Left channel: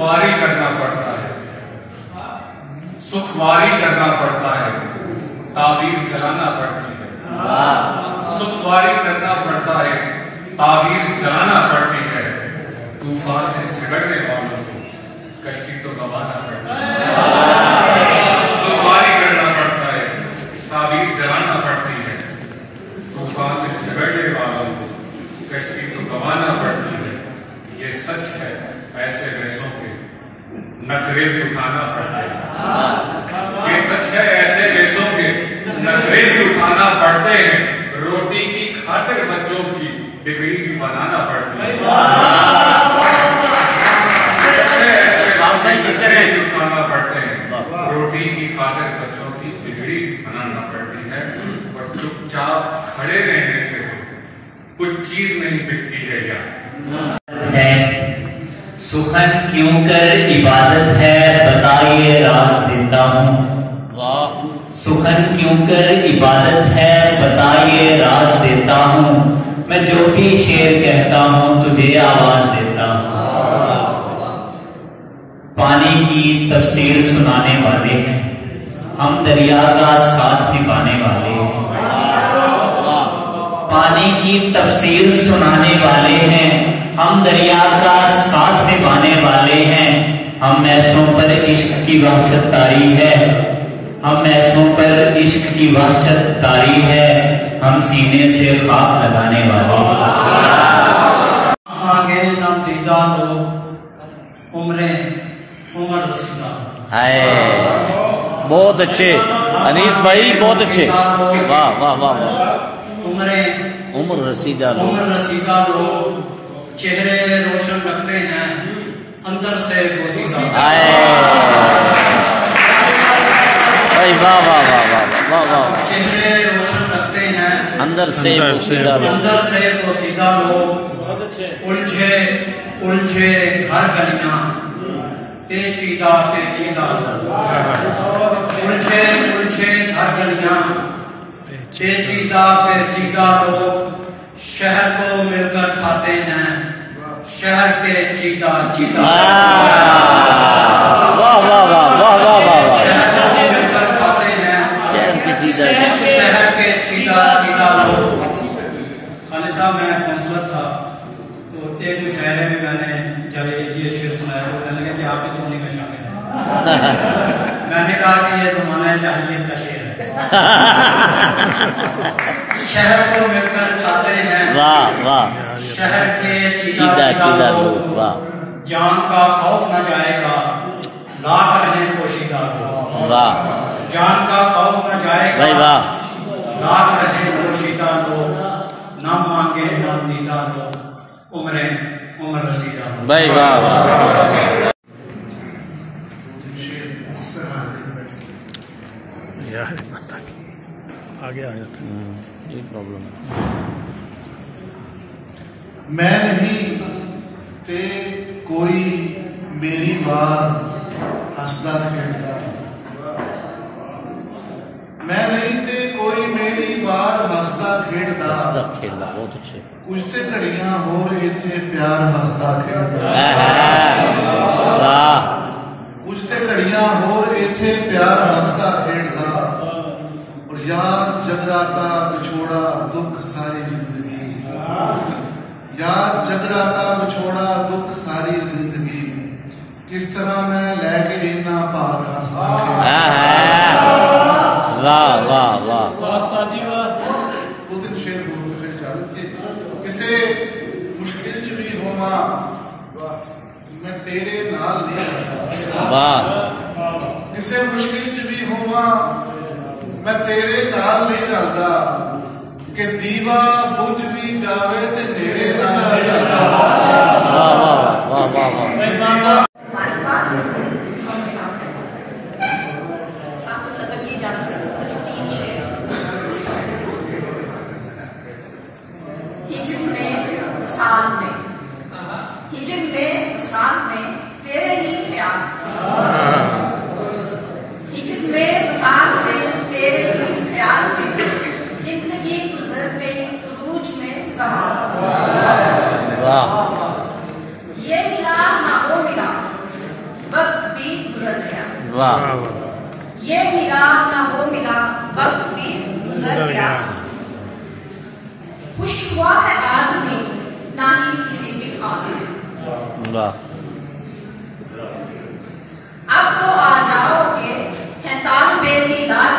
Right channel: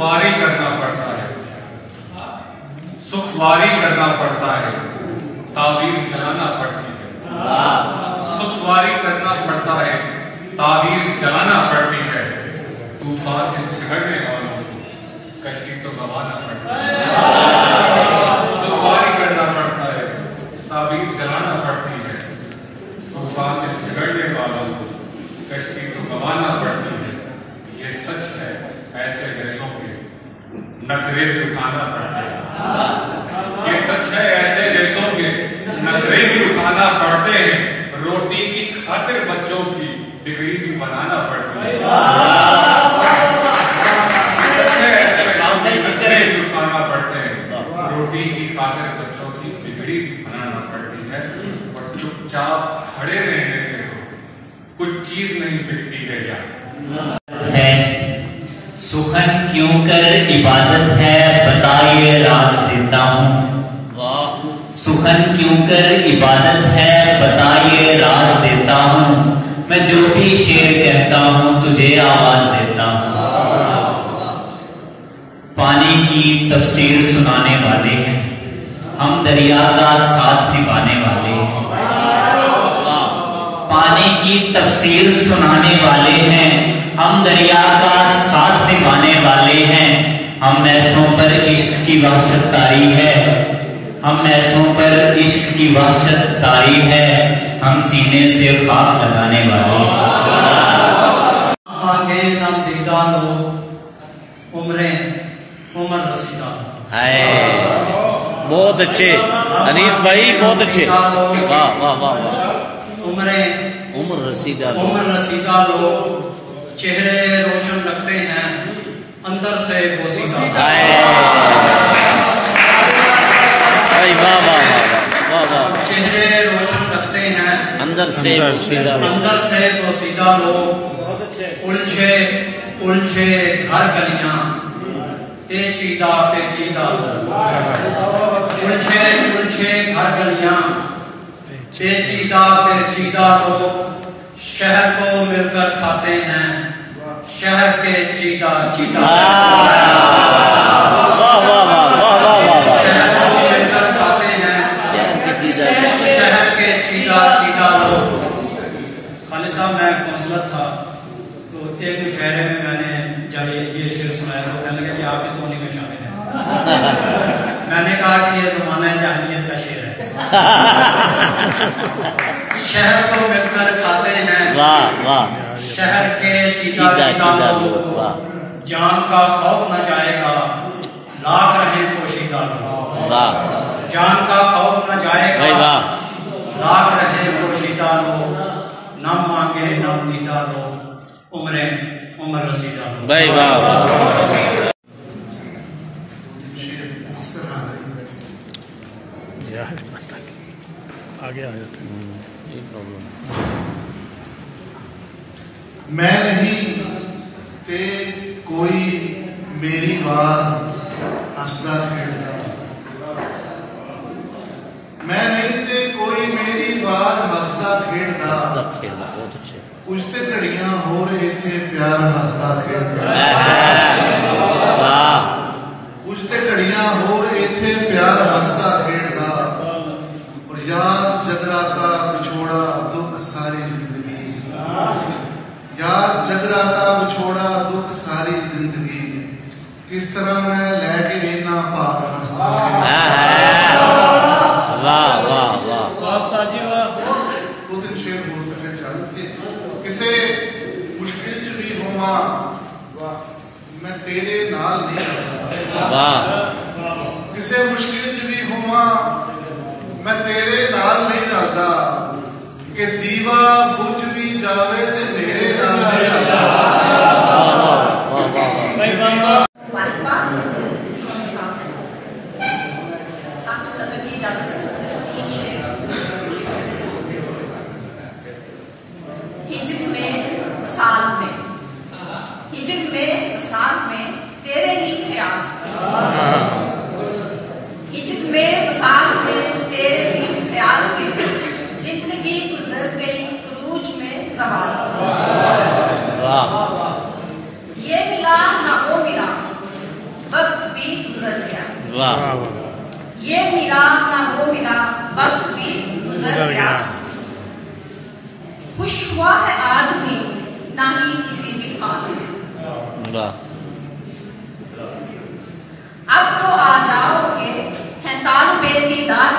सुखवारी करना पड़ता है, सुखवारी करना पड़ता है, ताबीर जलाना पड़ती है। सुखवारी करना पड़ता है, ताबीर जलाना पड़ती है। तूफान से झगड़ने वालों को कश्ती तो गंवाना पड़ता है। सुखवारी करना पड़ता है, ताबीर जलाना पड़ती है। तूफान से झगड़ने वालों को कश्ती तो गंवाना पड़ती है। ये सच है, ऐसे गैसों के नखरे भी उठाना पड़ता है। ये सच है, ऐसे गैसों के नखरे भी उठाना पड़ते हैं। रोटी की खातिर बच्चों की डिग्री भी बनाना पड़ती है। सच है, ऐसे गैसों के नखरे भी उठाना पड़ते हैं। रोटी की खातिर बच्चों की डिग्री भी बनाना पड़ती है। और चुपचाप खड़े रहने से कुछ चीज नहीं बिकती है। या सुखन क्यों कर इबादत है बताइए राज देता हूँ। सुखन क्यों कर इबादत है बताइए राज देता हूँ। मैं जो भी शेर कहता हूँ तुझे आवाज देता हूँ। पानी की तफसीर सुनाने वाले हैं हम, दरिया का साथ निभाने वाले हैं। पानी की तफसीर सुनाने वाले हैं हम, दरिया का साथ निभाने वाले हैं। हम ऐसों पर इश्क की वहशत तारी है, हम ऐसों पर इश्क की वहशत तारी है। हम सीने से खाक लगाने वाले आगे नम दीदा लोग उम्र रसीदा। बहुत अच्छे अनीस भाई, बहुत अच्छे। वाह वाह वाह वाह। उम्र रसीदा लोग चेहरे रोशन लगते हैं अंदर से बोसीदा। वाह वाह वाह वाह वाह। चेहरे रोशन लगते हैं अंदर से बोसीदा लोग। उलझे उलझे घर गलियां पेचीदा लोग। उलझे उलझे घर गलियां पेचीदा लोग। शहर को मिलकर खाते हैं शहर के चीदा। वाह वाह वाह वाह वाह वाह। शहर को मिलकर खाते हैं शहर के चीदा लोग। खालिद साहब, मैं काउंसलर था तो एक मुशायरे में मैंने जब ये शेर सुनाया तो कहने लगे कि आप भी तो उन्हीं में शामिल हैं। मैंने कहा कि ये ज़माना जाहिलियत का शेर है। शहर को मिलकर खाते हैं वाह वाह। शहर के चीदा लोग। जान का खौफ न जाएगा लाख रहे पोशीदा लोग। वाह। जान का खौफ न जाएगा वाह। लाख रहे पोशीदा लोग। नाम मांगे नाम दीदा लोग उम्र रसीदा लोग। भाई वाह वाह। आगे आ जाते ये प्रॉब्लम। मैं नहीं ते कोई मेरी वार हंसदा खेड़दा। मैं नहीं ते कोई मेरी वार हंसदा खेड़दा। बहुत अच्छे। कुछ ते घड़ियां होर इत्थे प्यार हंसदा खेड़दा। वाह। कुछ ते घड़ियां होर इत्थे प्यार हंसदा खेड़दा। और याद जगराता विछोड़ा दुख सारी जिंदगी। याद जगराता विछोड़ा दुख सारी जिंदगी। किस तरह मैं लैके नीना भार हंसदा। वाह वाह वाह। दो तीन शेर बोल तो फिर इजाजत के किसे मुश्किल च भी होवा मैं तेरे नाल नहीं रहता। वाह। किसे मुश्किल च भी होवा मैं तेरे नाल नहीं रहता। कि दीवा बुझ भी जावे ते मेरे नाल नहीं रहता। वाह वाह वाह वाह। हिजर में साल में तेरे ही ख्याल। हिजर में साल में तेरे ही ख्याल में जिंदगी गुजर गई रूज में जमाल। वाह। ये मिला ना वो मिला वाह वाह वाह ये मिला ना वो मिला, वक्त भी गुजर गया। खुश हुआ है आदमी ना ही किसी भी हाल में। वाह अब तो आ जाओगे है ताल में दीदार